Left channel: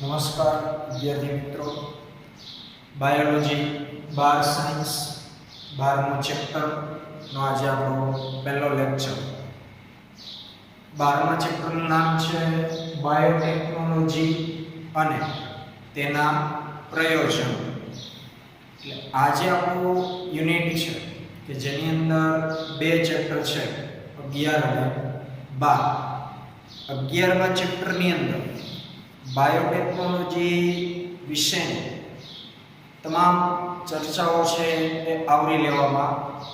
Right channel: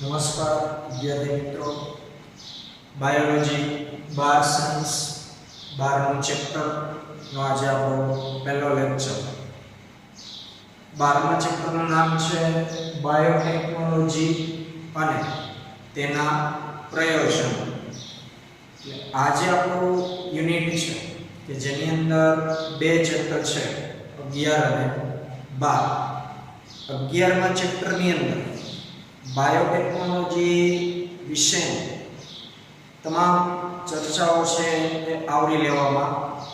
નમસ્કાર વિદ્યાર્થી મિત્રો, બાયોલોજી 12 સાયન્સ 12મું ચેપ્ટરનો આજે આપણો પહેલો લેક્ચર. 12મા ચેપ્ટરનું નામ છે બાયોટેકનોલોજી અને તેના પ્રયોજનો. એટલે આજે આપણું યુનિટ છે કે જેની અંદર બે ચેપ્ટર છે, 11 અને 12. 11મા ચેપ્ટરની અંદર બાયોટેકનોલોજી વિશેની તમામ ચર્ચાઓ છે એ આવરી લેવામાં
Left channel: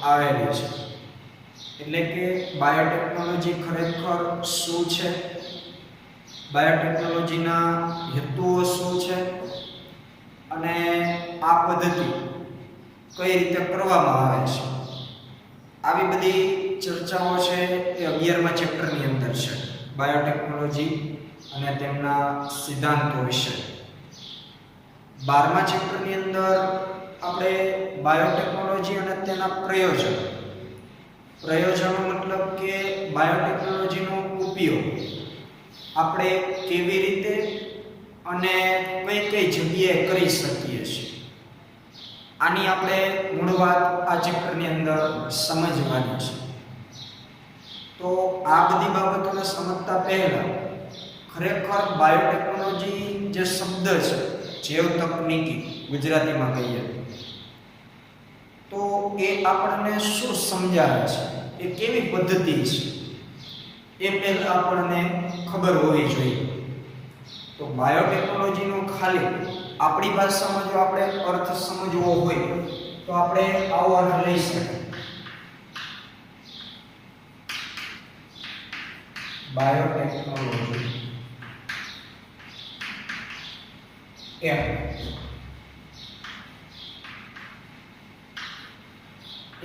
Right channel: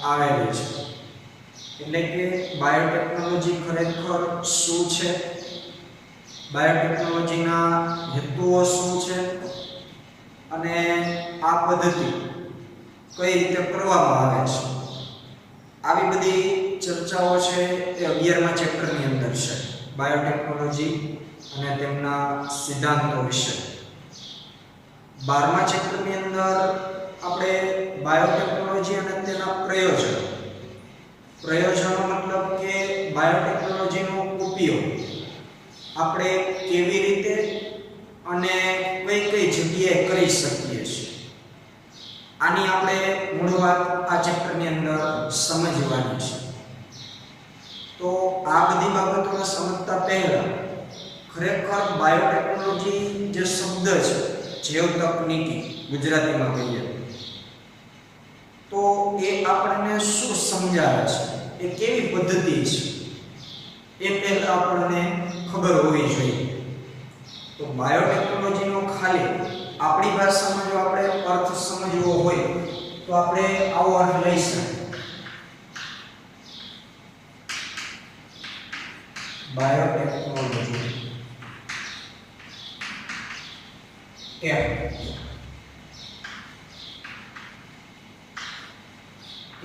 આવેલી છે. એટલે કે બાયોટેકનોલોજી ખરેખર શું છે, બાયોટેકનોલોજીના હેતુઓ શું છે અને આ પદ્ધતિ કઈ રીતે કરવામાં આવે છે, આવી બધી ચર્ચાઓ છે એ 11મા ચેપ્ટરની અંદર છે, બાયોટેકનોલોજી અને તેમના સિદ્ધાંતો વિશે. 12મા ચેપ્ટરની અંદર આપણે બાયોટેકનોલોજી અને તેના પ્રયોજનો મતલબ કે બાયોટેકનોલોજીનો ઉપયોગ આપણે કેવી રીતે અને કઈ કઈ જગ્યાએ કરી શકીએ છીએ, આની આપણે મૂળ વાત આ ચેપ્ટરની અંદર સમજવાની છે. તો આ બધી બાબતોને સમજતા પહેલા ખરેખર બાયોટેકનોલોજી જે શબ્દ છે, જૈવ તકનીકી ગુજરાતીમાં કહીએ તો એ આપણને શું સમજાવે છે, એ કેવી પદ્ધતિ છે, એ પહેલા આપણને ખબર હોવી જોઈએ. તો બાયોટેકનોલોજીનો ખાલી આપણી ભાષામાં જો આપણે અર્થ સમજવો હોય તો આપણે આવો અર્થ લઈ શકીએ. બાયોટેકનોલોજી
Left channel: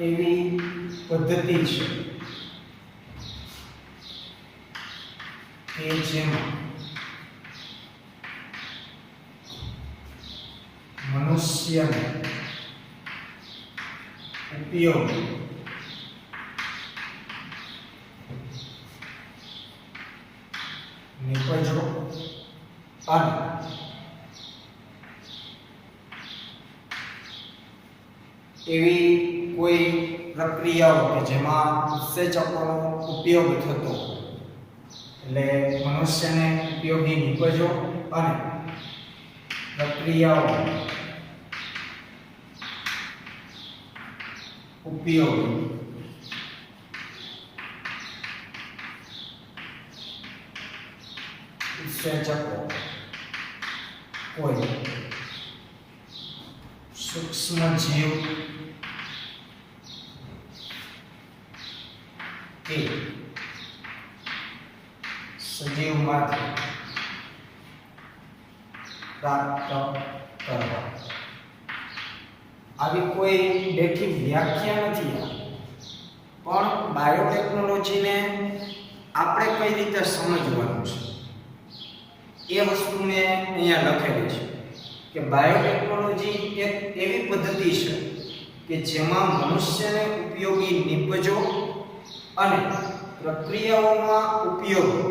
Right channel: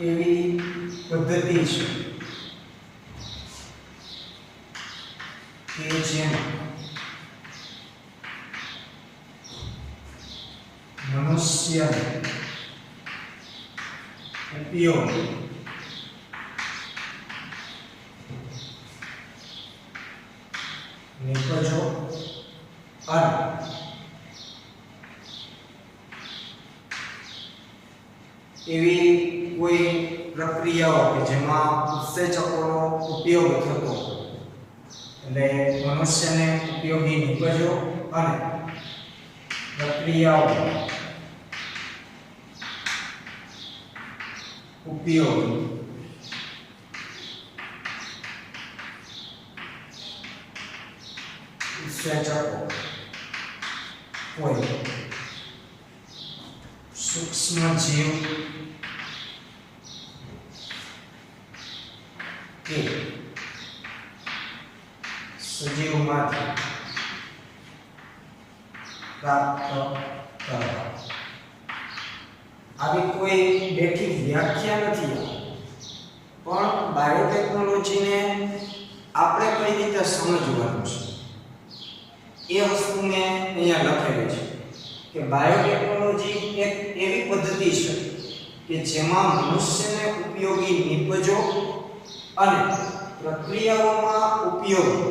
એવી પદ્ધતિ છે કે જેમાં મનુષ્યનો ઉપયોગ નિપજો અને એવી કોઈ પ્રક્રિયાઓ કે જેમાં ઉત્સેચકોનો ઉપયોગ થતો, એટલે મનુષ્યને ઉપયોગી નિપજો અને પ્રક્રિયાઓ ઉપયોગી ઉત્સેચકો કોઈ સૂક્ષ્મ જીવ કે સજીવમાંથી પ્રાપ્ત કરવા. આવી કોઈ બેઠી વ્યાખ્યા નથી, પણ બાયોટેકનોલોજીને આપણે કઈ રીતે સમજવાનું છે એ વસ્તુ મેં અહીંયા લખેલી છે કે બાયોટેકનોલોજી એક એવી પદ્ધતિ છે કે જેમાં મનુષ્યને ઉપયોગી નિપજો અને પ્રક્રિયાઓમાં ઉપયોગી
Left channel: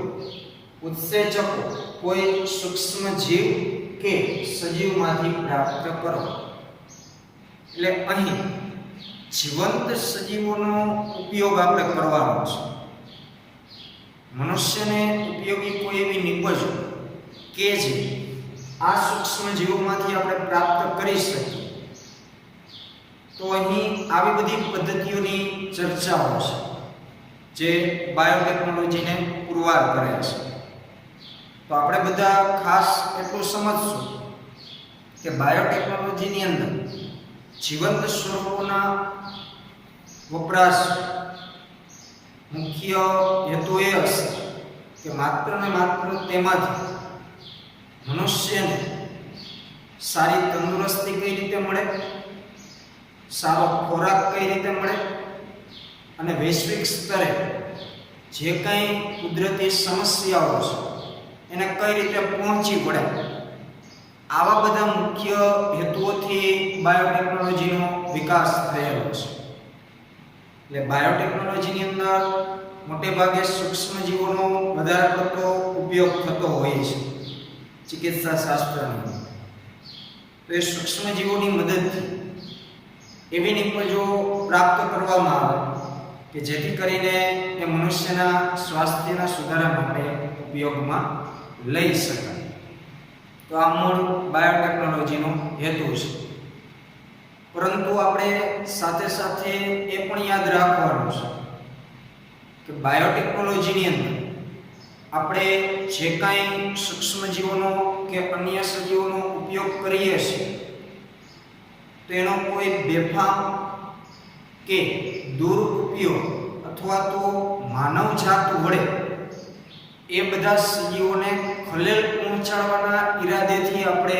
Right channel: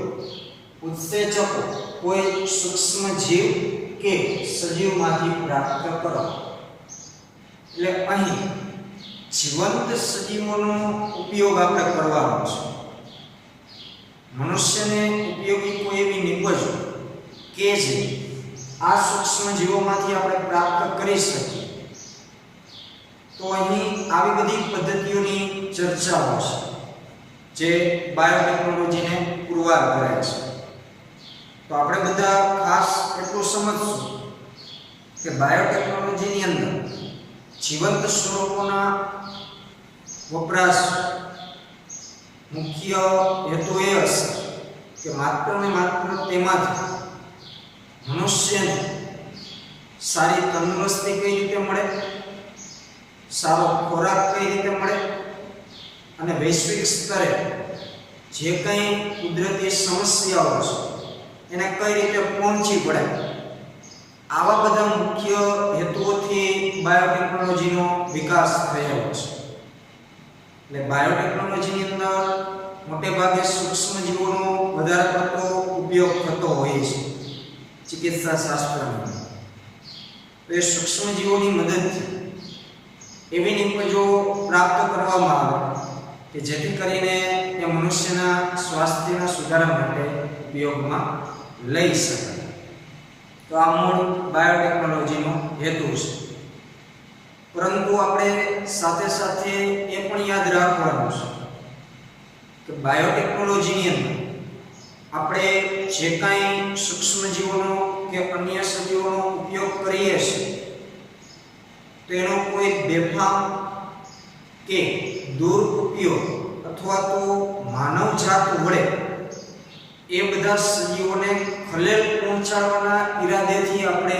ઉત્સેચકો કોઈ સૂક્ષ્મ જીવ કે સજીવમાંથી પ્રાપ્ત કરો. એટલે અહીં જીવંત સજીવોનો ઉપયોગ આપણે કરવાનો છે. મનુષ્યને ઉપયોગી કોઈ એવી નિપજો કે જે આ સૂક્ષ્મ જીવોમાંથી આપણે પ્રાપ્ત કરી શકીએ. તો અહીં આવી બધી પદ્ધતિઓની ચર્ચાઓ છે જે બાયોટેકનોલોજીને પુરવાર કરે છે. તો આપણે બધા ખાસ એટલું સમજશું કે બાયોટેકનોલોજીની અંદર જીવંત સ્વરૂપોના વપરાશ મુખ્ય હેતુ એ હશે કે માત્ર ને માત્ર તેમાંથી મનુષ્યને સારી તંદુરસ્તી કઈ રીતે મળે, સારો ખોરાક કઈ રીતે મળે અને વૈશ્વિક સ્તરે જે કંઈ કુદરતી સમસ્યાઓ છે એને કઈ રીતે પહોંચી પડે, આવા બધા મુખ્ય હેતુઓથી બાયોટેકનોલોજીનો વિકાસ થયેલો છે. એટલે બાયોટેકનોલોજીની અંદર મોટે ભાગે સૂક્ષ્મ જીવોનો વધારે પડતો ઉપયોગ થતો હોય છે, ચિકિત્સા શાસ્ત્રની. તો એ સૂક્ષ્મજીવોની મદદથી એવી નિપજો પ્રાપ્ત કરવામાં આવે કે જેથી કરીને એ મનુષ્યના સ્વાસ્થ્યના સુધારા માટે ઉપયોગમાં લઈ શકાય. તો આ મૂળ બાયોટેકનોલોજીનો હેતુ છે. પરંતુ આપણે સાથે સાથે એ પણ યાદ રાખવાનું છે કે બાયોટેકનોલોજીની અંદર આપણે જે કાંઈ સૂક્ષ્મજીવોનો કે અન્ય સજીવોનો ઉપયોગ કરીએ છીએ તો એનો કોઈ બેફામ કે દુરુપયોગ અથવા તો માનવજાત વડે એ બધા સજીવોને ખલેલ પહોંચાડવાના ઈરાદેથી આપણે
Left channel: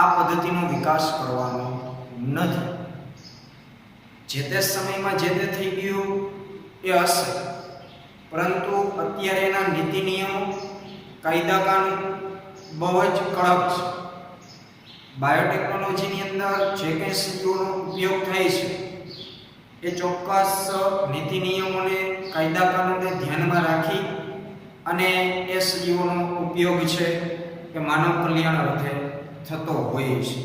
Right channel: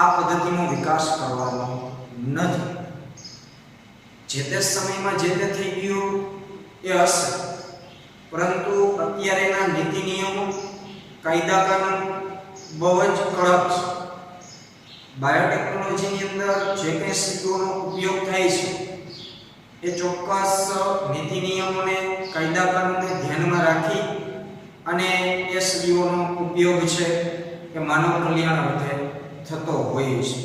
આ પદ્ધતિનો વિકાસ કરવાનો નથી. જે તે સમયમાં જે તે થઈ ગયું એ હશે, પરંતુ અત્યારે એના નીતિ નિયમો, કાયદા કાનૂન બહુ જ કડક છે. બાયોટેકનોલોજીની અંદર જે કંઈ સજીવોનો ઉપયોગ થાય છે એ ચોક્કસ નીતિ નિયમોને, કાયદા કાનૂનને ધ્યાનમાં રાખી અને એ સજીવોનો ઉપયોગ છે એ માનવ કલ્યાણ અર્થે થતો હોય છે.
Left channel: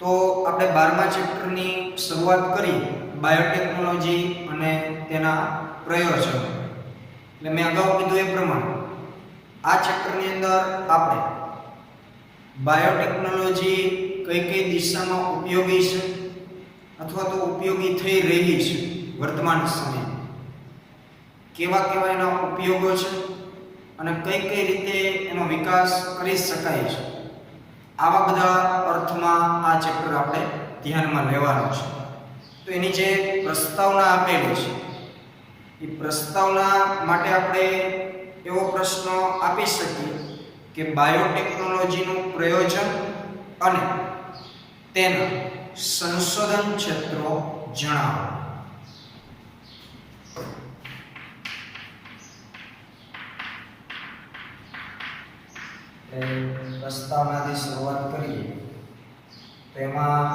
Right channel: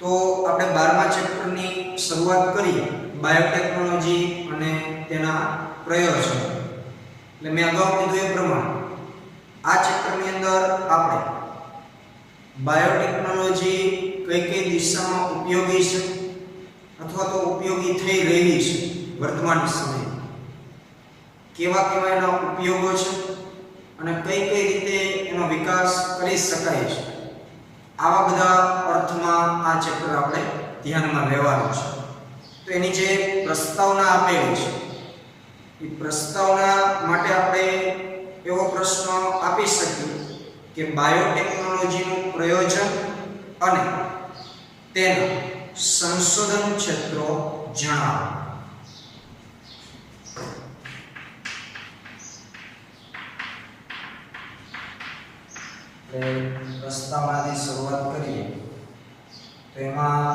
તો આપણે 12મા ચેપ્ટરની શરૂઆત કરીએ, બાયોટેકનોલોજી અને તેના પ્રયોજનો. એટલે મેં અગાઉ કીધું એ પ્રમાણે આ ચેપ્ટરની અંદર આપણે બાયોટેકનોલોજી કઈ કઈ દિશામાં ઉપયોગી છે અથવા તો ઉપયોગી થઈ રહી છે વર્તમાન સમયમાં, કેવા કેવા એના ઉપયોગો છે અને કઈ કઈ રીતે એનો વિકાસ કરી શકાય છે, આવા બધા અર્થમાં આ ચેપ્ટર આપણે ધ્યાનમાં લેવાનું છે. તો એની જે પ્રસ્તાવના આપેલી છે એ પ્રસ્તાવના માટે આપણે એવો પ્રશ્ન આપી શકીએ કે બાયોટેકનોલોજીનું પ્રયોજન અને તેના સંશોધન ક્ષેત્રો જણાવો. પ્રસ્તાવનાથી શરૂઆત કરીએ તો એમાં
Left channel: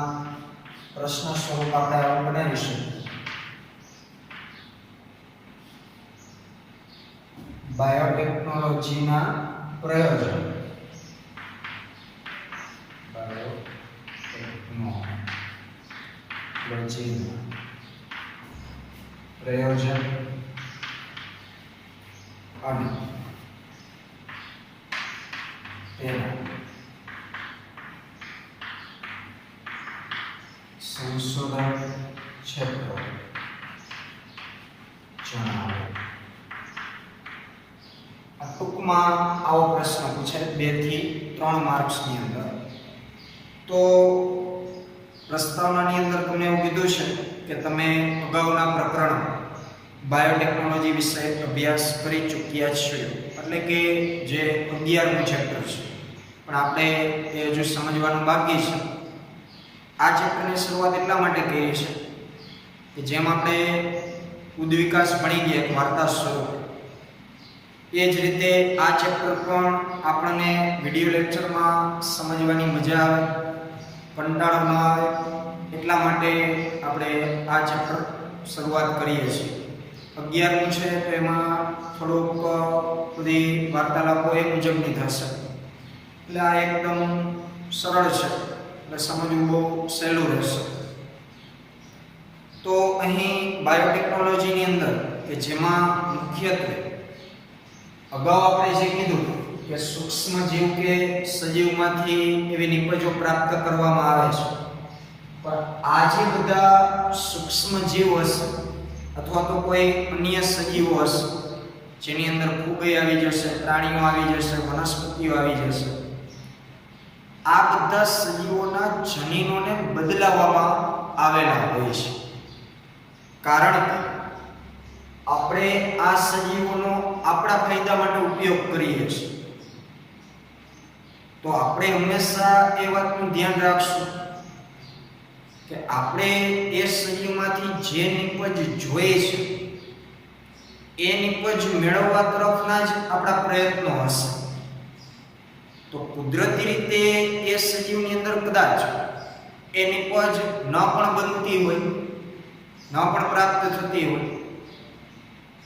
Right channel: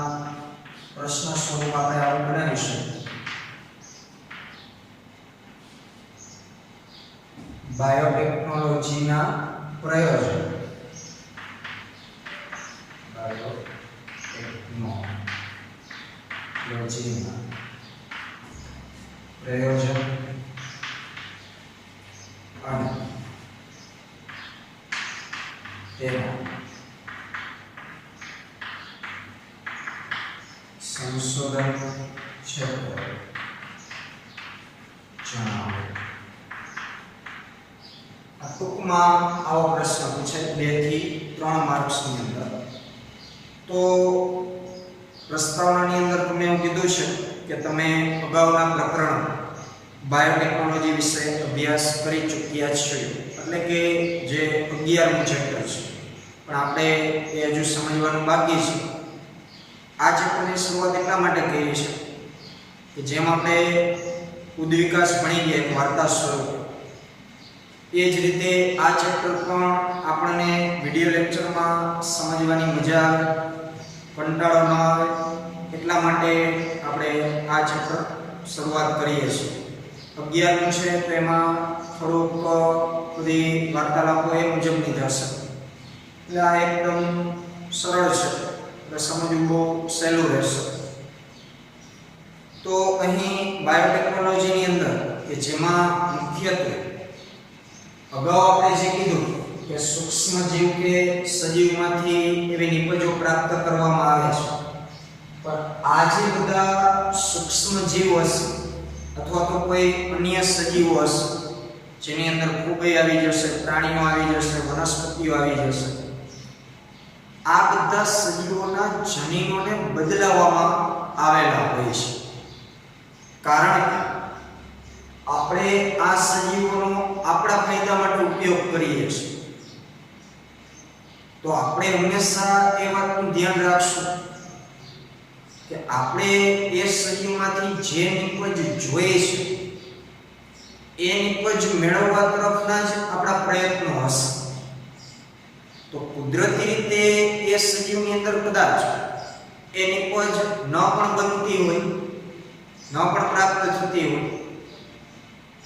પ્રશ્ન સ્વરૂપ આપણે આવું બનાવીશું: બાયોટેકનોલોજીના પ્રયોજન. બાયોટેકનોલોજીના પ્રયોજન અને તેના સંશોધન ક્ષેત્રો જણાવો. ટૂંકમાં આવો પ્રશ્ન પૂછે 2 થી 3 માર્ક્સની અંદર. તો પ્રસ્તાવનાની અંદર તમને એવું કીધું છે કે તમે અગાઉના પ્રકરણ બાયોટેકનોલોજી વિશે અભ્યાસ કરી ચૂક્યા છો, એટલે કે જે 11મું ચેપ્ટર છે, પણ આપણે એ હજુ સમજવાનું બાકી છે. આ ચેપ્ટરની શરૂઆત એટલા માટે કરી છે કે જેમ આપણે ઉદ્વિકાસ ભણી ગયા એક વાર્તા સ્વરૂપે, એ જ રીતે આ ચેપ્ટર પણ આપણને વિડીયો લેક્ચરમાં સમજવાની મજા આવે, કંટાળો ન આવે, એટલા માટે આપણે આ ચેપ્ટર શરૂઆત કરીએ છીએ. 11મું છે તો એમાં થોડુંક બધી વાર્તાલાપો એ મુજબની થશે, એટલે આ એકદમ સરળ છે, એટલે સમજવું બહુ સહેલું રહેશે. તો અહીં બાયોટેકનોલોજીની અંદર કે જેમાં મુખ્યત્વે અગાઉ આપણે જે કીધું કે સૂક્ષ્મ જીવ કે સજીવમાંથી એવી નિપજો પ્રાપ્ત કરવામાં આવે છે, પણ આ જે બધા સૂક્ષ્મ જીવ હશે અથવા તો કોઈ અન્ય સજીવો હશે જેની અંદર ફૂગઈ આવી જશે, પ્રાણીઓ આવી જશે, વનસ્પતિઓ આવી જશે, આ બધા સજીવોના જનીનોને બદલાવવામાં આવેલા હોય છે. કારણ કે આપણે આ સજીવોનો આપણા ફાયદા માટે ઉપયોગ કરીએ છીએ, તો આપણે હંમેશા એ વાતનું ધ્યાન રાખશું કે આપણે એ સજીવમાંથી જે નિપજ જોઈએ છે એ નિપજ મેળવવા તરફના જ આપણા પ્રયત્નો હશે. તો કુદરતી રીતે એ સજીવની અંદર કદાચ એ નિપજ ન પણ બનતી હોય, ન પણ પ્રાપ્ત થતી હોય,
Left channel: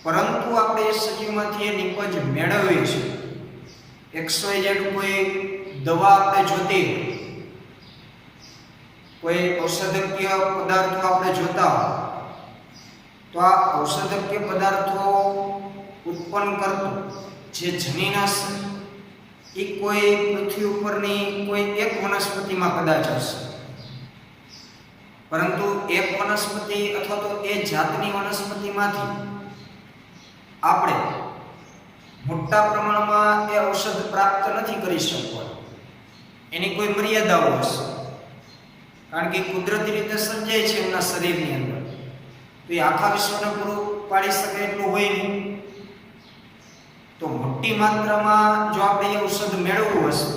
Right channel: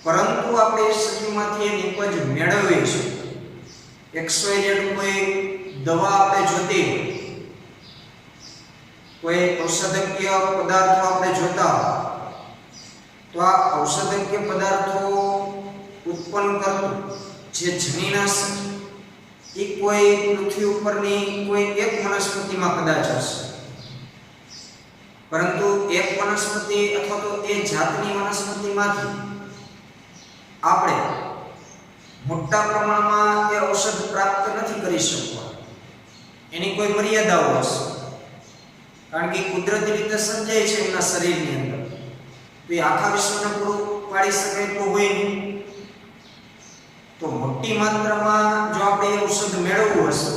પરંતુ આપણે એ સજીવમાંથી એ નિપજ મેળવીએ છીએ XYZ કોઈ દવા આપણે જોતી હોય, કોઈ ઔષધકીય પદાર્થો આપણે જોતા હોય, તો આ ઔષધકીય પદાર્થો ઉત્પન્ન કરતું જે જનીનાશક એ કોઈ પૃથ્વી ઉપરની કોઈ એક વનસ્પતિમાં કદાચ હશે, પરંતુ એક વનસ્પતિ અથવા તો એ જાતની વનસ્પતિમાંથી આપણે મોટા પ્રમાણમાં એ ઔષધ પ્રાપ્ત નથી કરી શકવાનું. એની કોઈ મર્યાદાઓ હશે, કારણ કે કુદરતી રીતે સર્જાય છે એમના શરીરની અંદર, તો એ આખા વિશ્વને પૂરું પાડી શકે એટલું હોય નહીં. તો મોટી માત્રામાં જો આપણે એ ઔષધ મેળવવું હશે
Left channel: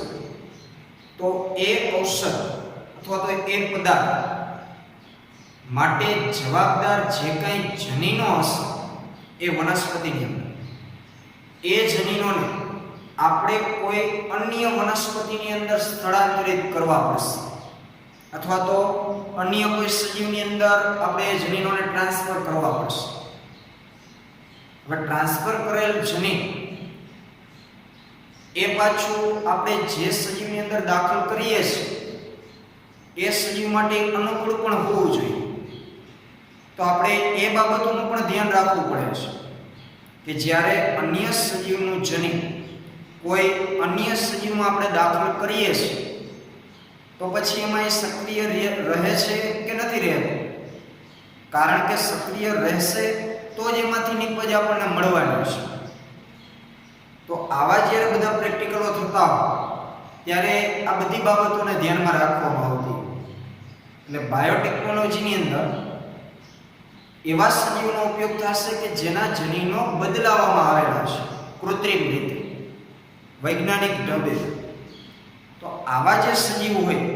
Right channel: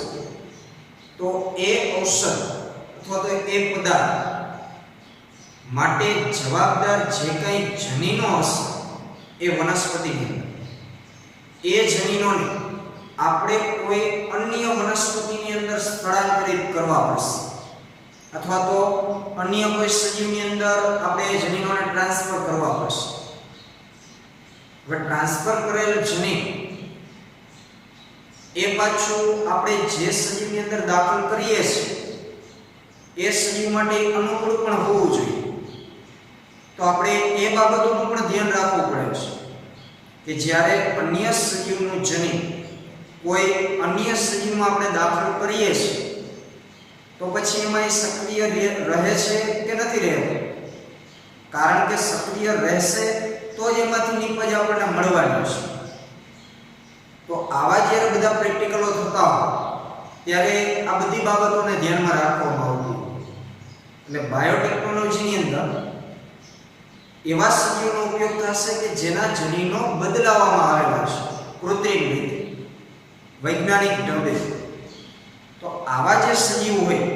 તો એ ઔષધ અથવા તો એ પદાર્થ માટે જવાબદાર જે કંઈ જનીનો હશે એ વનસ્પતિની અંદર, એ જનીનોને આપણે કોઈ અન્ય વનસ્પતિની અંદર સ્થળાંતરિત કરવા પડશે, અથવા તો અન્ય કોઈ સજીવની અંદર આપણે એ જનીનોને ટ્રાન્સફર કરવા પડશે. હવે ટ્રાન્સફર કરેલ જનીન એ પાછું આપણે જે સજીવની અંદર દાખલ કરીએ છીએ એ સજીવ માટે અનુકૂળ પણ હોવું જોઈએ. તો આપણે એ બાબતોનું પણ ધ્યાન રાખવું પડે છે કે જ્યારે અન્ય સજીવનું જનીન કોઈ અન્ય સજીવમાં આપણે દાખલ કરીએ છીએ તો પછી એમાં એ સક્રિય રહે છે કે નથી રહેતું. કારણ કે સક્રિય રહેશે તો જ એમાંથી નીપજ આપણને મળવાની છે. તો આવા જ્યારે બધા પ્રેક્ટિકલો થતા હોય ત્યારે આ બધી બાબતોને ધ્યાનમાં રાખવામાં આવતી. એટલે બાયોટેકનોલોજીની અંદર એવા સજીવનો ઉપયોગ થશે કે જેના જનીનો બદલાવવામાં આવેલા છે કૃત્રિમ રીતે, વૈજ્ઞાનિક ઢબે. તો આવા જે સજીવ હોય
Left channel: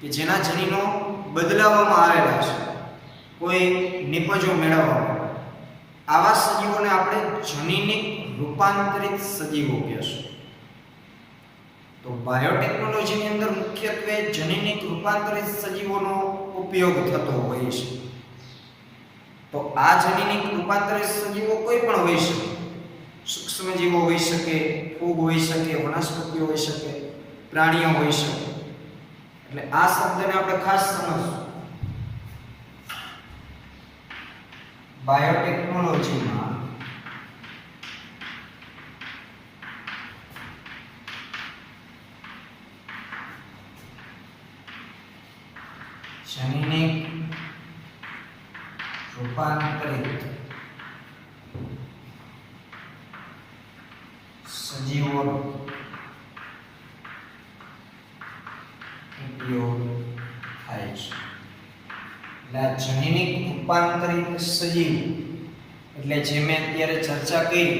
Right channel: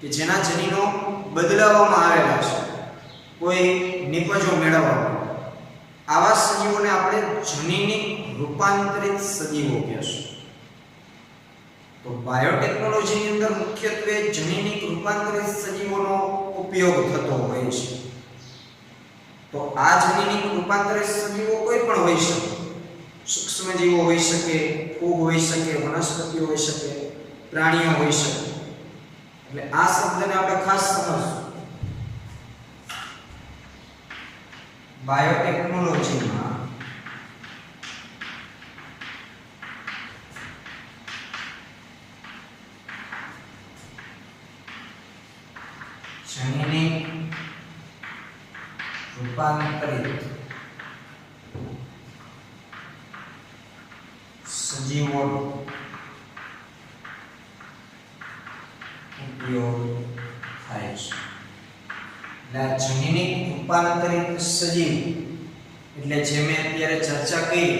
કે જેના જનીનો બદલાવવામાં આવેલા છે કોઈ નિપજો મેળવવા માટે, આવા સજીવોને આપણે જનીનિક રૂપાંતરિત સજીવો કહેશું. તો બાયોટેકનોલોજીની અંદર મુખ્યત્વે જનીનિક રૂપાંતરિત સજીવોનો ઉપયોગ થતો હોય છે. તો આ જનીનિક રૂપાંતરિત સજીવો કોઈ પણ હોઈ શકે, સૂક્ષ્મજીવો હોઈ શકે, ફૂગ હોઈ શકે, વનસ્પતિઓ હોઈ શકે, પ્રાણીઓ હોઈ શકે. એટલે આ શબ્દને આપણે ખાસ સમજવું. બાયોટેકનોલોજીમાં જનીનિક રૂપાંતરિત સજીવોનો ઉપયોગ થાય છે. જનીનિક રૂપાંતરિત સજીવ એટલે જે મેં અત્યારે ચર્ચા કરી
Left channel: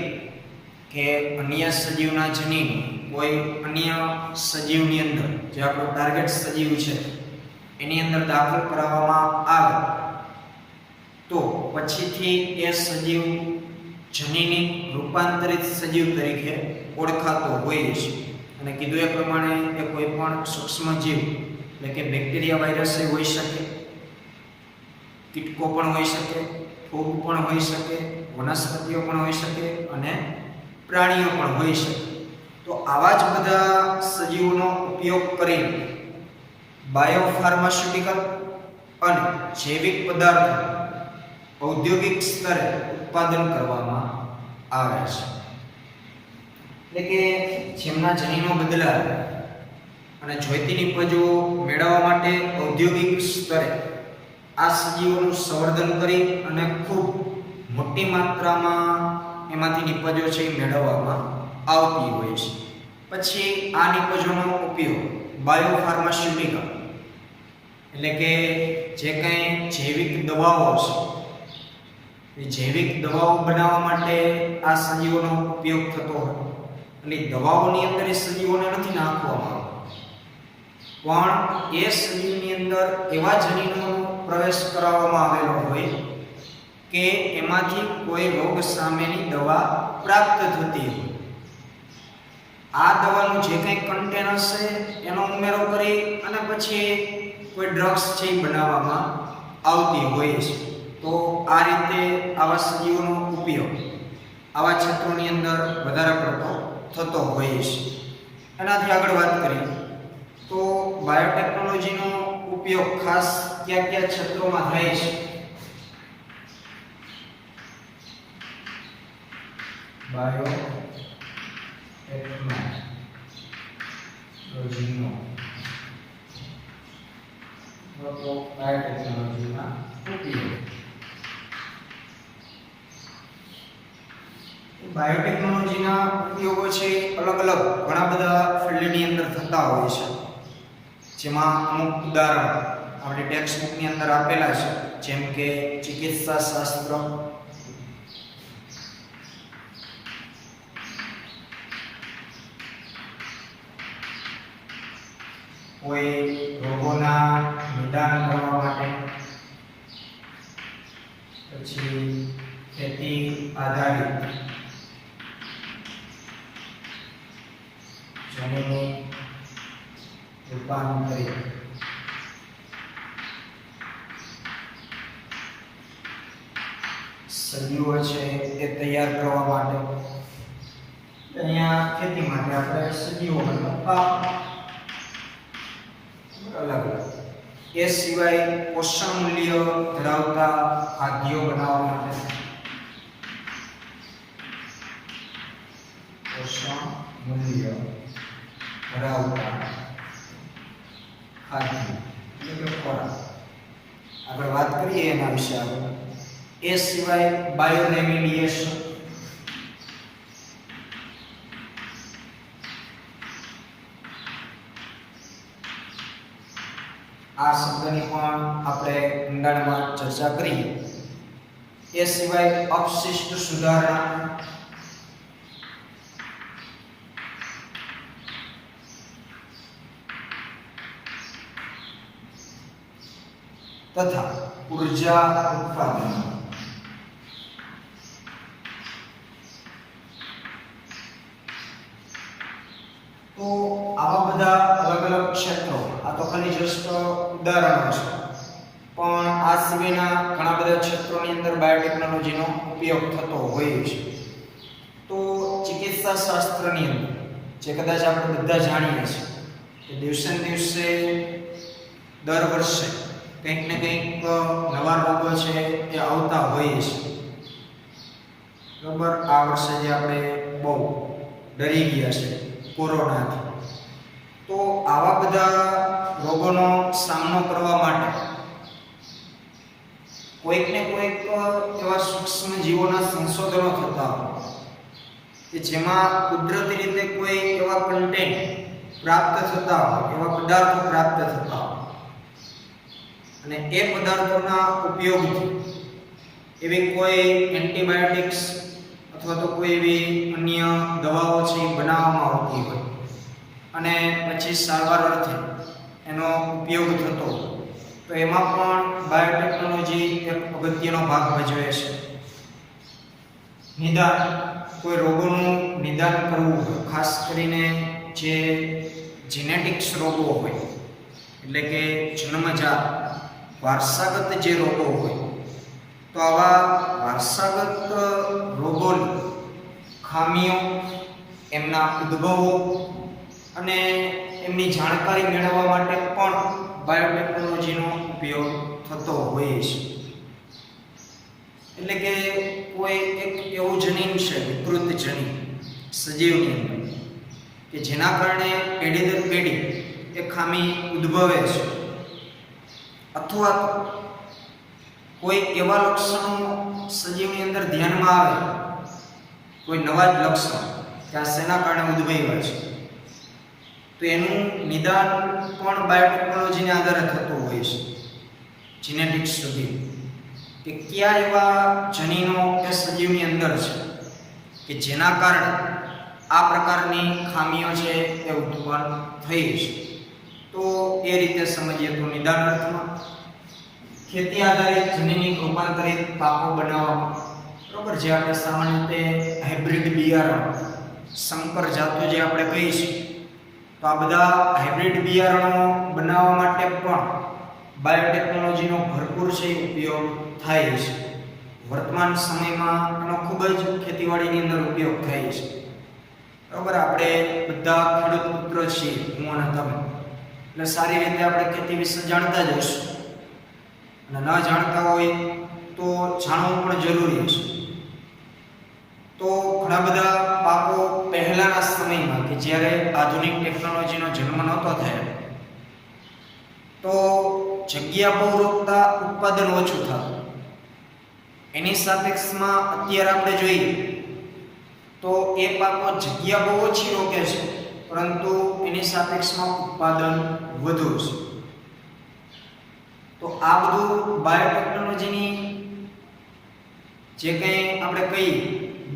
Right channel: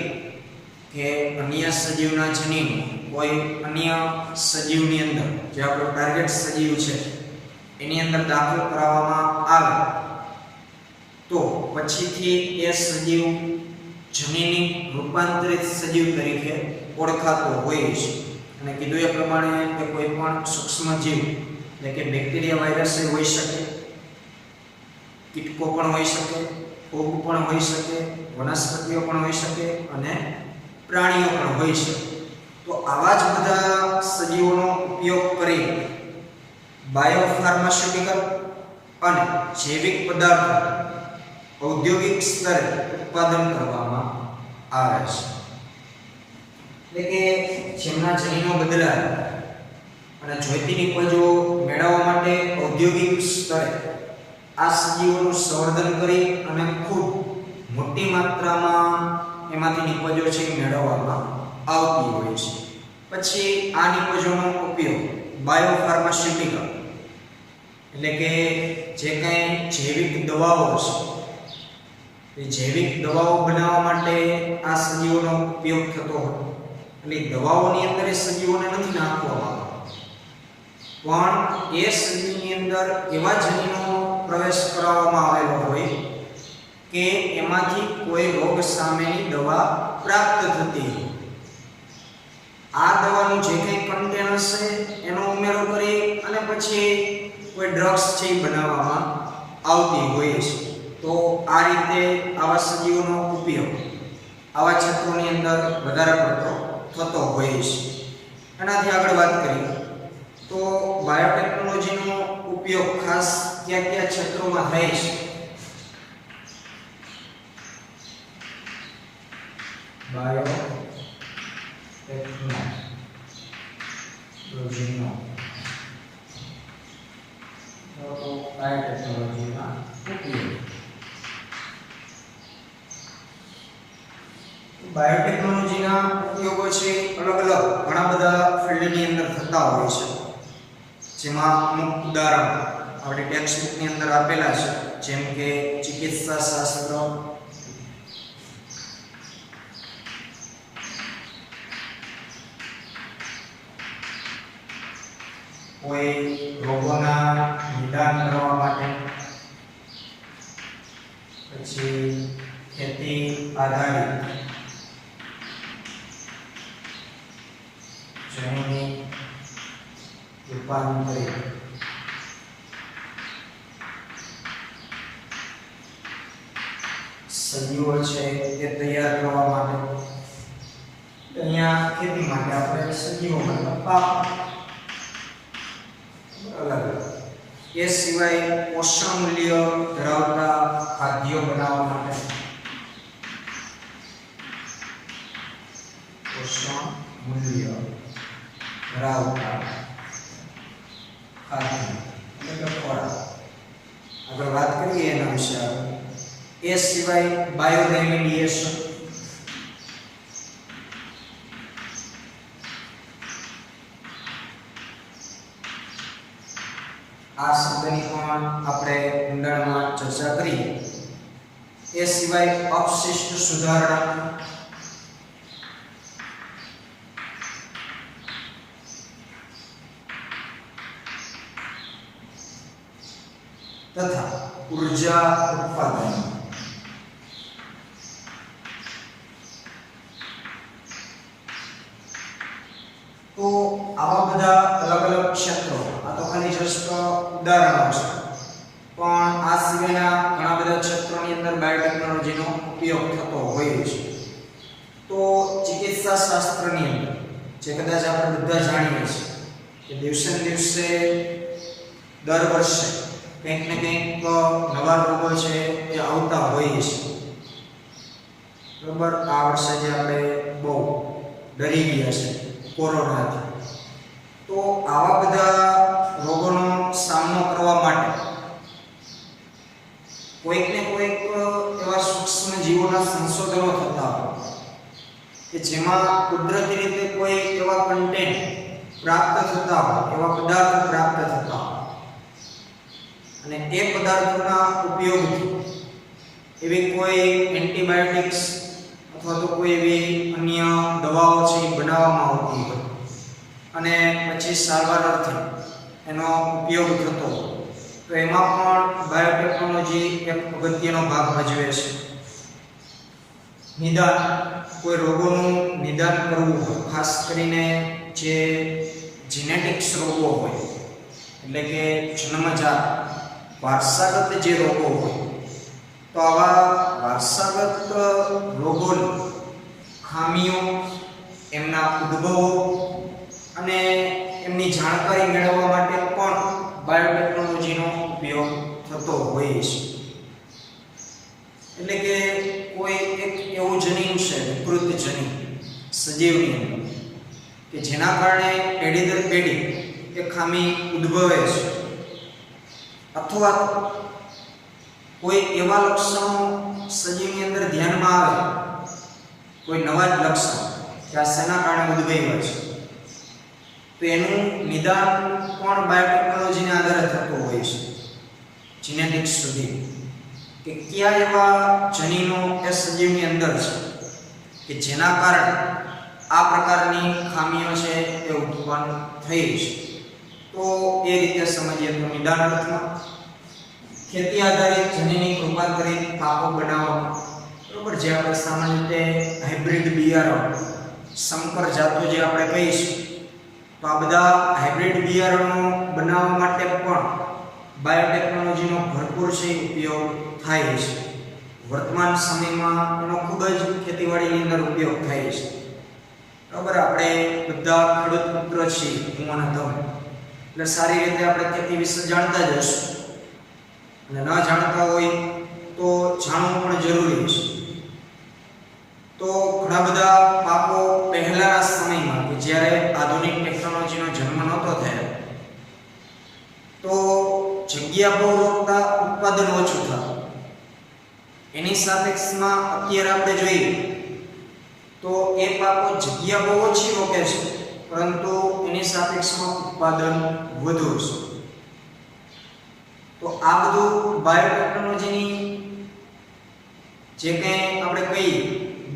કે અન્ય સજીવના જનીન કોઈ અન્ય સજીવની અંદર, જે આપણો ટાર્ગેટ સજીવ છે એની અંદર દાખલ કરાવવામાં આવે તો પછીથી એ સજીવ જનીનિક રૂપાંતરિત સજીવ તરીકે ઓળખાતો હોય છે. અને કીધું એ પ્રમાણે એ કોઈ પણ સૂક્ષ્મ જીવ એટલે કે બેક્ટેરિયા, વાયરસ હોઈ શકે, કીટકો પણ હોઈ શકે, ફૂગ પણ હોઈ શકે, વનસ્પતિઓ પણ હોઈ શકે અને પ્રાણીઓ પણ હોઈ શકે. તો આવા જ બધા સજીવોનો ઉપયોગ કરી બાયોફાર્માસ્યુટિકલ અને જૈવિક પદાર્થો ઔદ્યોગિક સ્તરે ઉત્પાદન કરવામાં આવે છે. એટલે કે જેમના જનીનો બદલાય અને જોઈતી નિપજો મેળવવા માટે ઔદ્યોગિક સ્તરે આ સજીવોનું સંવર્ધન કરી અને ખૂબ મોટી માત્રામાં એમાંથી નિપજો છે એ મેળવવામાં આવતી હોય છે. પછી આ નિપજોનો ઉપયોગ બાયોફાર્માસ્યુટિકલ એટલે કે જે કંઈ જૈવિક દવાઓ છે એ જૈવિક દવાઓ બનાવવા માટે આ સજીવોનો ઉપયોગ થતો હોય. એટલે દવાઓની અંદર એ સજીવોને નથી નાખવામાં આવતા, પણ એ સજીવની અંદર એવા જનીનોનો પ્રવેશ કરાવવામાં આવેલો હોય કે એમાંથી કોઈ રોગ સામેની દવા પ્રાપ્ત થતી હોય. આ દવાનું જે કંઈ કન્ટેન હશે એનો ઉમેરો કરી અને પછી કોઈ ડ્રગ્સ છે એ બનાવવામાં આવતી હોય છે. તો આ રીતે આવા સજીવોનો ઉપયોગ આવા ક્ષેત્રોની અંદર વધારે પડતો થતો હોય છે. એનાથી આગળ વાત કરીએ તો બાયોટેકનોલોજીનો ઉપયોગ ખાસ કયા કયા ક્ષેત્રોમાં થાય છે. બાયોટેકનોલોજીનો બાયોટેકનોલોજીમાં ઉપયોગ. બાયોટેકનોલોજીના ઉપયોગો છે અલગ અલગ ઘણા બધા ફિલ્ડની અંદર થતા હોય છે, જેમાં અમુક ઉદાહરણ આપણી ટેક્સ્ટ બુકની અંદર આપેલા છે, જેમ કે ચિકિત્સા શાસ્ત્ર, કોઈ રોગોના નિદાન કરવા માટે, પછી ખેતી આધારિત જમીનની રૂપાંતરિત, સજીવો છે એ તૈયાર કરવા માટે, અહીંયા ખેતી માટે આપણે સજીવો મતલબ પાક અલગ અલગ. એ સિવાય પોષણ મૂલ્ય ધરાવતા ખાદ્યો બનાવવા માટે, પોષણ મૂલ્ય ધરાવતા ખાદ્ય એટલે કે ખોરાક. આગળ વાત કરીએ એના વિશે. એ સિવાય બાયોરેમિડિએશન, આ શબ્દની પણ આપણે ઊંડાણમાં ચર્ચા કરીએ. એ સિવાય અવશિષ્ટ સુધારણા, તથા ઉર્જા ઉત્પાદન. તો આવા બધા અલગ અલગ ક્ષેત્રો, આ તો ખાલી જસ્ટ ઉદાહરણો છે, પણ આ સિવાયના ઘણા બધા ક્ષેત્રોની અંદર બાયોટેકનોલોજીનો ઉપયોગ થતો હોય છે. તો ચિકિત્સા શાસ્ત્રની અંદર જે કદાચ આપણે બધા જાણીએ છીએ કે દિવસે ને દિવસે દર વર્ષે કંઈક ને કંઈક નવા રોગો છે એ આવતા હોય છે. બરાબર, આ વર્ષે જે આપણે બહુ ડરી ગયા છે કોરોનાથી, તો આવા બધા રોગોનો સામનો કરવા માટે કોઈક ને કોઈક એવા સૂક્ષ્મ જીવોના સંશોધનો થતા હોય કે જેમાં કુદરતી રીતે કોઈ એવા કન્ટેન્ટ પ્રાપ્ત થતા હોય, એવા પદાર્થો પ્રાપ્ત થતા હોય, અને એ પદાર્થોના ઉપયોગથી એવી કોઈ એન્ટીબાયોટિક્સ અથવા તો કોઈ એવી અન્ય દવાઓ છે એ બનાવવામાં આવતી હોય અને પછી સારવાર અર્થે એનો ઉપયોગ થતો હોય, તો એમાં પણ બાયોટેકનોલોજી એક અગત્યનો ભાગ ભજવે છે. નિદાન, કોઈ રોગોનું નિદાન કરવું હોય, ખાસ કરીને જે જીનેટિક્સ રોગો હોય, એટલે કે જન્મજાત વારસાગત જે રોગો હોય, તો આવા વારસાગત રોગોની ખામીઓ, એમના ઉદ્ભવો અને એમની જાણકારી મેળવવા માટે પણ બાયોટેકનોલોજીનો ઉપયોગ થતો હોય છે. એટલે કે કોઈ એક એવું જનીન છે, વિકૃત જનીન સજીવની અંદર, કે જેના કારણે પેઢી દર પેઢી એ ખામી ઉદ્ભવે છે, અથવા તો કોઈ એવા લક્ષણો સજીવની અંદર ધ્યાનમાં આવે, કોઈ નવા જ લક્ષણો કે આ શેના કારણે ઉદ્ભવ્યા છે, તો એનું નિદાન પણ બાયોટેકનોલોજીને આધારે થતું હોય છે. જીનેટિક્સ સુધી કે કયા એવા જનીનો એ સજીવની અંદર છે કે જેના કારણે આ પ્રકારની ખામીઓ છે એ ઉત્પન્ન થઈ છે. તો એ રીતે સમજીએ તો નિદાન અર્થમાં ખેતી આધારિત જનીનિક રૂપાંતરિત પાકો બનાવવામાં, બરોબર, જે આપણે સામાન્ય રીતે હાઇબ્રિડ બિયારણ, સંકર જાતો જે આપણે કહીશું, તો આ બધા હાઇબ્રિડ બિયારણો બનાવવા માટે પણ બાયોટેકનોલોજીનો ભરપૂર છે ઉપયોગ થાય છે. વર્તમાન સમયમાં એનો ખૂબ જ ખેતીવાડીની અંદર ઉપયોગ થાય છે. બરાબર, આપણે બધા ખેડૂત મિત્ર છીએ, હું અને તમે, એટલે સારી રીતે આપણે ખેતી વિશે જાણતા જ હશું, અને ન જાણતા હોય તો જાણવું પણ જરૂરી છે. તો ઘણા બધા પાકો પહેલાના સમયમાં કે જ્યારે આધુનિક ટેકનોલોજીનો જન્મ નહોતો થયો, તો જગ્યા બહુ રોકતા ઉત્પાદન ઓછું થતું. એની સાપેક્ષમાં અત્યારે આપણે જોઈએ તો એ પાકો જગ્યા બહુ ઓછી રોકે છે, પરંતુ એની સાપેક્ષમાં ઉત્પાદન વધુ છે. તો આ બધું બાયોટેકનોલોજીની જે કંઈ આપણે કહીએ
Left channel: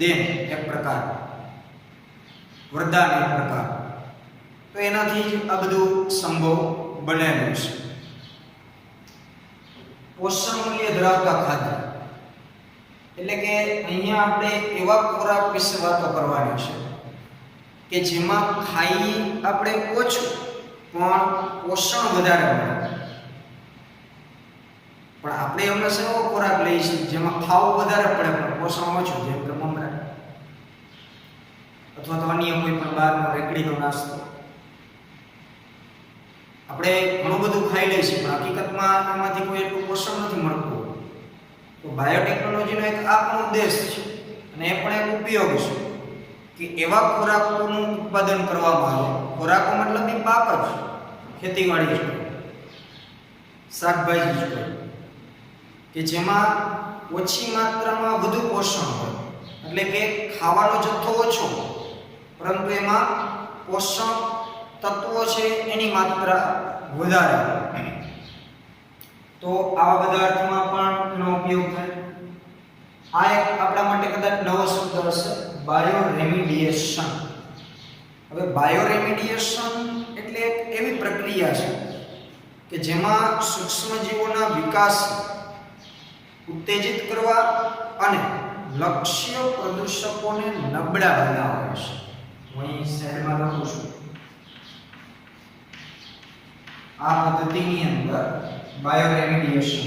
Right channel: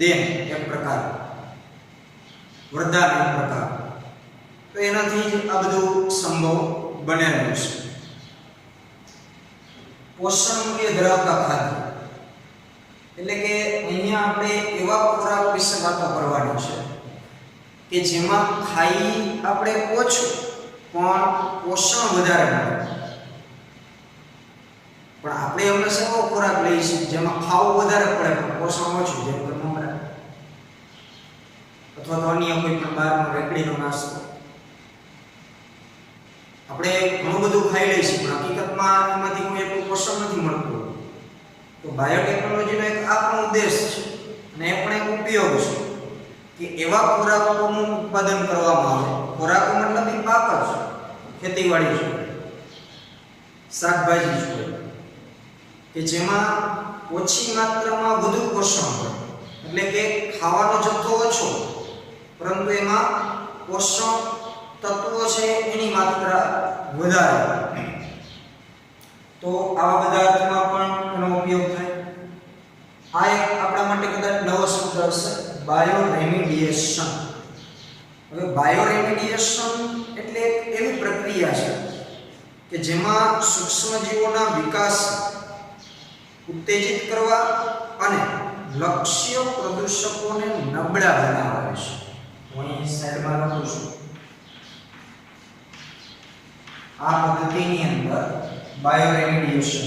દેન એક પ્રકાર, વરદાન એક પ્રકાર, તો એનાથી જ આ બધું સંભવ બનેલું છે. પોષણ મૂલ્ય ધરાવતા ખાદ્ય એટલે કે અહીંયા આપણે એવા ખોરાક વિશે વાતો કરવાની છે કે જેમાં ખાઈ આપણે ઓછું પણ પોષણ વધારે મળે. પણ આપણે એમને એવો ખોરાક લઈએ છીએ જેમાં ખાવું વધારે પડે પણ પોષણ ઓછું, જેમ કે મમરા અથવા તો અન્ય કોઈ પણ બહારનો રેકડીનો નાસ્તો. આપણે ઘણું બધું ખાઈ લઈએ છીએ પણ હકીકતમાં એમાંથી કોઈ એટલું પોષણ નથી મળતું. તો બાયોટેકનોલોજીનો એક આ પણ ઉદ્દેશ છે અને એ પણ એક ઉપયોગ છે કે એવા ખોરાકોનું ઉત્પાદન કરવામાં આવે. ખોરાકો મતલબ એ પાક જ, ખેતીવાડી છે, શાકભાજી છે, કે જેમાં ઓછી માત્રામાં વધુ પોષણ હોય. એટલે કે ખાવાનો જથ્થો ઓછો પરંતુ એમાં પોષક તત્વો છે એની માત્રા વધારે. તો આવા બધા અર્થમાં પણ એનો ઉપયોગ થાય. આ એક આપણા માટે કદાચ નવો શબ્દ હશે, બાયોરેમિડિએશન. હવે બાયોરેમિડિએશન એટલે એક એવી પ્રક્રિયા છે કે જેમાં સૂક્ષ્મજીવોના વિકાસ ઉત્તેજિત કરવા અને લક્ષ્ય પ્રદૂષકોને નબળા બનાવવા છે. હું અહીં સાઈડમાં લખું છું. આ પદ્ધતિની અંદર બાયોરેમિડિએશન,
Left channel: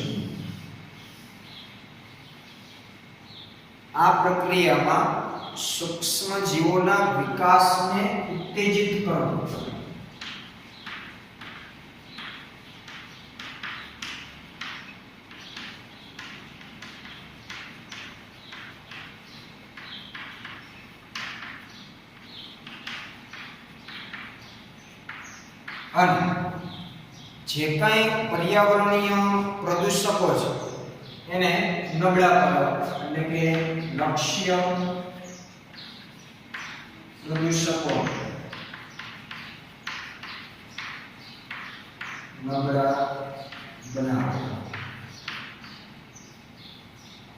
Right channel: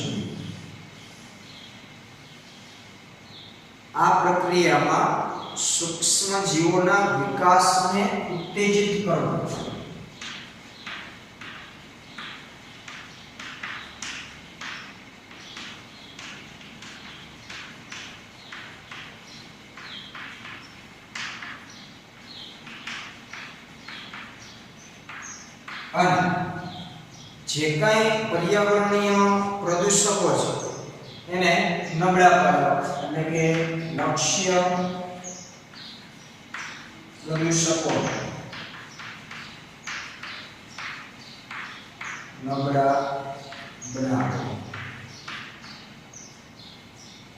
આ પ્રક્રિયામાં સૂક્ષ્મ જીવોના વિકાસને ઉત્તેજિત કરવું. અને જે કાંઈ પર્યાવરણીય પ્રદૂષકો છે એને નબળા પાડવા, એટલે કે લક્ષ્ય પ્રદૂષકો નબળા બનાવવા.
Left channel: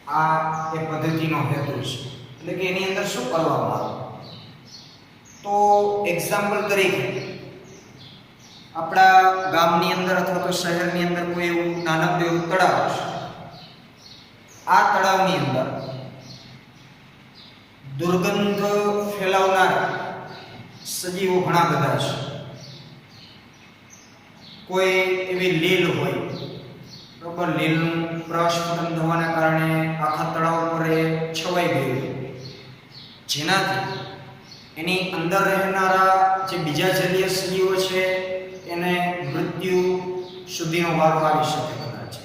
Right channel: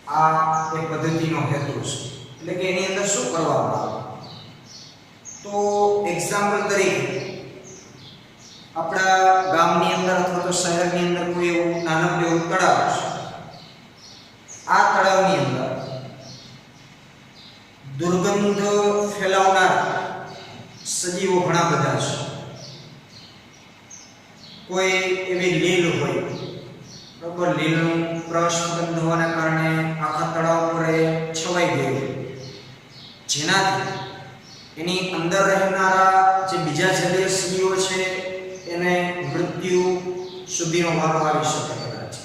આ એ પદ્ધતિનો હેતુ છે. એટલે કે એની અંદર શું કરવામાં આવે? તો એક્ઝામ્પલ તરીકે આપણા ગામની અંદર અથવા તો શહેરની અંદર કોઈ એવું નાનકડું એવું તળાવ છે. આ તળાવની અંદર દુર્ગંધ ફેલાવનાર સજીવો ઘણા બધા છે. કોઈ એવી લીલ હોય, બરોબર, લીલનું પ્રસ્ફુટન થવાના કારણે આખા તળાવ પર છવાઈ ગયું, જેનાથી એની અંદર રહેનારા જે બીજા જલીય સજીવો છે એને મૃત્યુ સુધીનો વારો આવી શકે કદાચ.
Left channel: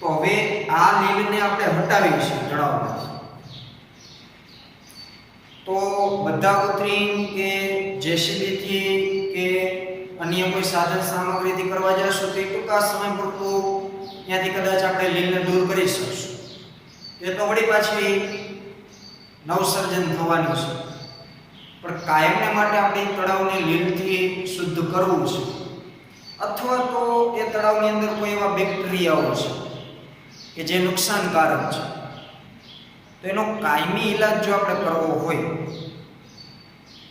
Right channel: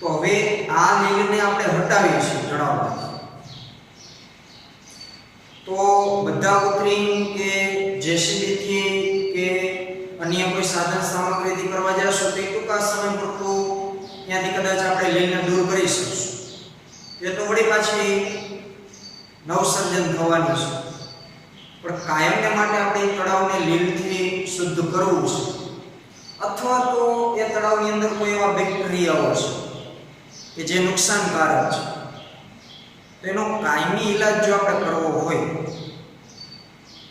તો હવે આ લીલને આપણે હટાવી છે તળાવમાંથી. તો બધા કૃત્રિમ કે જેસીબીથી કે અન્ય કોઈ સાધન સામગ્રીથી કરવા જશો તો ટૂંકા સમય પૂરતું ત્યાંથી કદાચ આપણે લીલને દૂર કરી શકશું. એ તો વળી પાછી નવસર્જન થવાની છે. પણ કાયમને માટે આપણે તળાવને લીલથી શુદ્ધ કરવું છે, અથવા તો એ તળાવની અંદર કોઈ એવા બેક્ટેરિયાઓ છે કે જે નુકસાનકારક છે, તો એનો કાયમી ઈલાજ જો આપણે કરવો હોય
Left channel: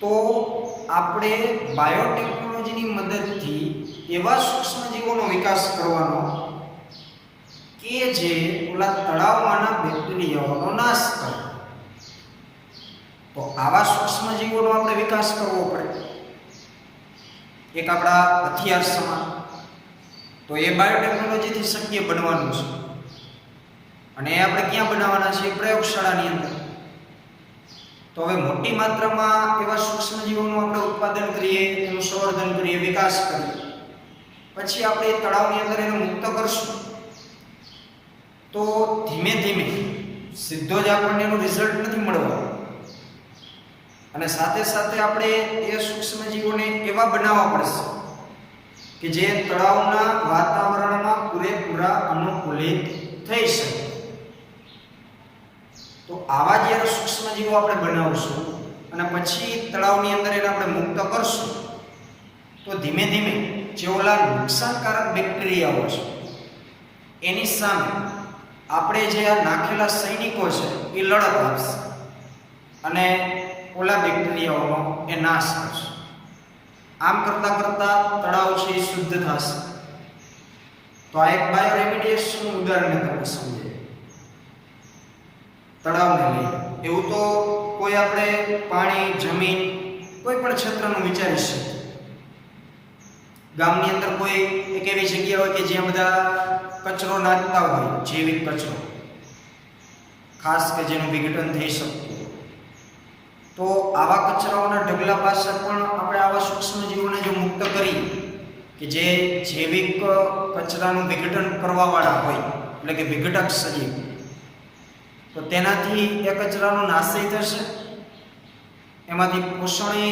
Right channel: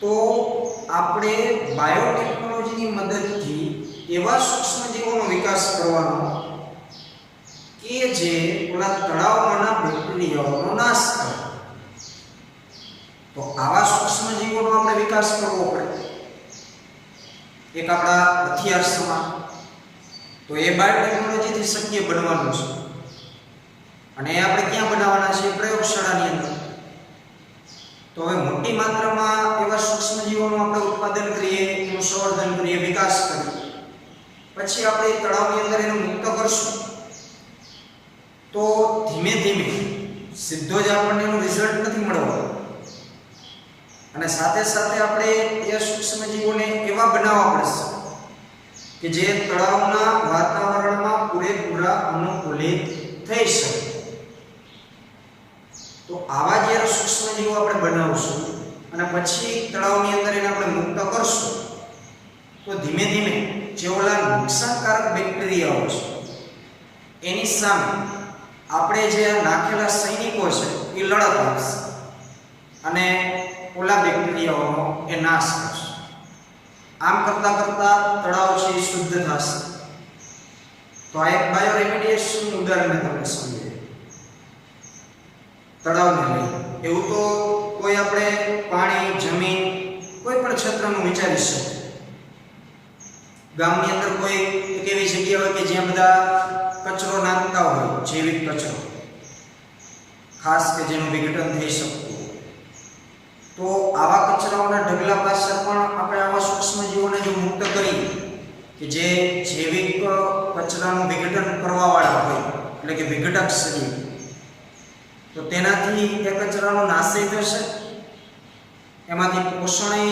તો આપણે બાયોટેકનોલોજીની મદદથી એવા સૂક્ષ્મજીવોનો વિકાસ કરવાનો કે જે ઓલા તળાવમાંના બેક્ટેરિયાઓનો નાશ કરે. તો આવા સૂક્ષ્મજીવોનો આપણે વિકાસ કરવો પડે, એક આપણા હથિયાર સમાન. તો એ બાયોટેકનોલોજીથી શક્ય બનવાનું છે. અને એ આપણે ક્યાં બનાવવાના છે? પ્રયોગશાળાની અંદર. તો હવે મોટી માત્રામાં એવા સૂક્ષ્મજીવોનું આપણે ઉત્પાદન કરીએ, એનું સંવર્ધન કરીએ, વિકાસ કરીએ, પછી આપણે તળાવની અંદર એને મુક્ત કરશું તો ધીમે ધીમે સીધો જ આપણને એનું રિઝલ્ટ નથી મળવાનું. અને સાથે સાથે આપણે એ સૂક્ષ્મજીવોને એવા બનાવવા પડશે કે જે તળાવના વાતાવરણમાં પૂરેપૂરા અનુકૂલિત થઈ શકે. તો આવા જ્યારે સૂક્ષ્મજીવો આપણે બનાવશું અને પછી તળાવની અંદર એને આપણે મુક્ત કરશું તો ધીમે ધીમે જે ઓલા નુકસાનકારક બેક્ટેરિયાઓ છે એની સામે આપણે જે આ નાખેલા સૈનિકો છે એ લડત આપશે અને ઓલા બેક્ટેરિયાઓનો એ નાશ કરશે. આમ કરતા કરતા તળાવ છે એ શુદ્ધ થશે. તો આ એક બાયોરેમિડિએશનનું ઉદાહરણ મેં તમને સમજાવ્યું તળાવને લઈને. એવું તો કોઈ આપણે પાણી, જમીન, કોઈ પણ ક્ષેત્રનું વિચારી શકીએ. ગામની અંદર કોઈ એક એવી જગ્યા હોય કે જ્યાં બધા કચરો નાખતા હોય, જૈવિક કચરો, ખાસ કે જેનું વિઘટન થઈ શકતું હોય, તો આવા કચરાઓના ઢગલા પાસે પણ આપણે આવા સૂક્ષ્મજીવોને જો મુક્ત કરીએ કે જે જૈવિક કચરાનું વિઘટન કરવાવાળા હોય, એટલે કે વિઘટક સજીવ, તો તેનાથી એ કચરાનો નાશ થશે, એમાંથી પોષણ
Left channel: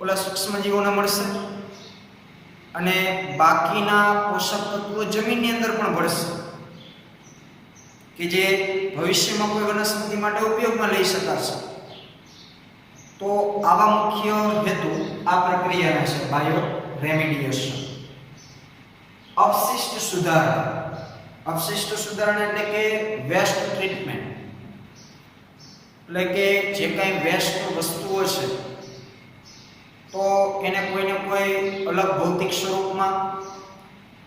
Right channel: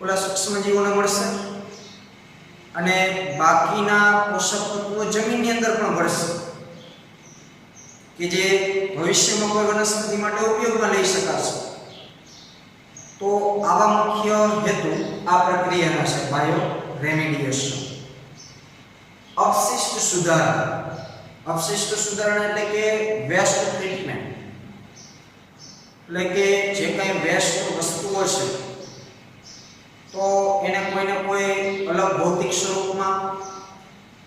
ઓલા સૂક્ષ્મજીવોને મળશે અને બાકીના પોષક તત્વો જમીનની અંદર પણ ભળશે કે જે ભવિષ્યમાં કોઈ વનસ્પતિ માટે ઉપયોગમાં લઈ શકાશે. તો આવા મુખ્ય હેતુ આ પ્રક્રિયાના છે બાયો રેમિડિએશન. અવશિષ્ટ સુધારણા. અવશિષ્ટ સુધારણા એટલે કે વેસ્ટ ટ્રીટમેન્ટ, એટલે કે જે કાંઈ વેસ્ટ વસ્તુઓ છે તો એને કોઈને કોઈ અલગ ભૌતિક સ્વરૂપમાં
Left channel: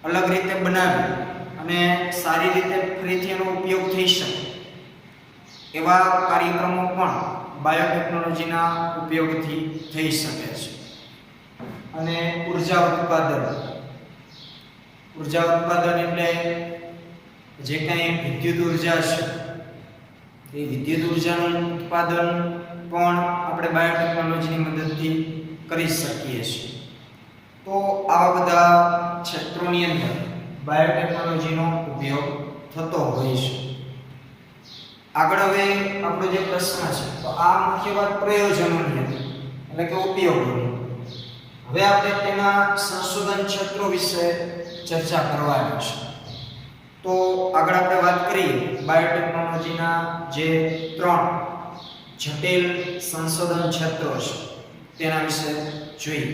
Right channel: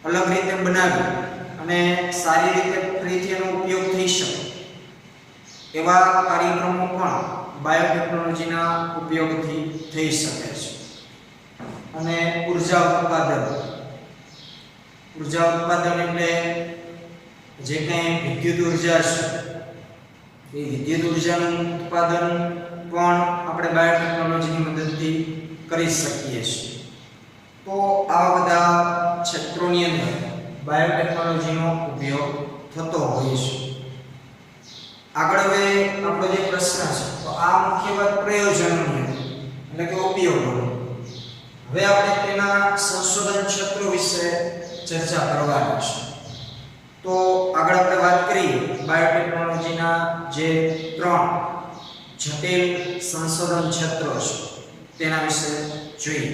અલગ રીતે બનાવી અને સારી રીતે ફરીથી એનો ઉપયોગ થઈ શકે એવા કાર્યક્રમો પણ બાયોટેકનોલોજીના ઉપયોગથી થઈ શકે છે. અને ઉર્જા ઉત્પાદન. ઉર્જા ઉત્પાદન એટલે જે કાંઈ વિદ્યુત ઉર્જા છે એ વિદ્યુત ઉર્જાનું ઉત્પાદન પણ આપણે બાયોટેકનોલોજીની મદદથી કરી શકીએ છીએ. તો આવા બધા ક્ષેત્રોની અંદર બાયોટેકનોલોજીનો ઉપયોગ થતો હોય છે. આગળ હવે આપણો જે પ્રશ્ન છે તો આ મુખ્ય વાત પ્રયોજનોની હતી, એટલે કે ઉપયોગોની. હવે આપણે તેના સંશોધન ક્ષેત્રો વિશે ચર્ચા કરવાની છે. તો આગળ આપણે વાત કરીએ બાયોટેકનોલોજીના જે 3 જટિલ સંશોધન ક્ષેત્રો છે તેના વિશે જોઈએ.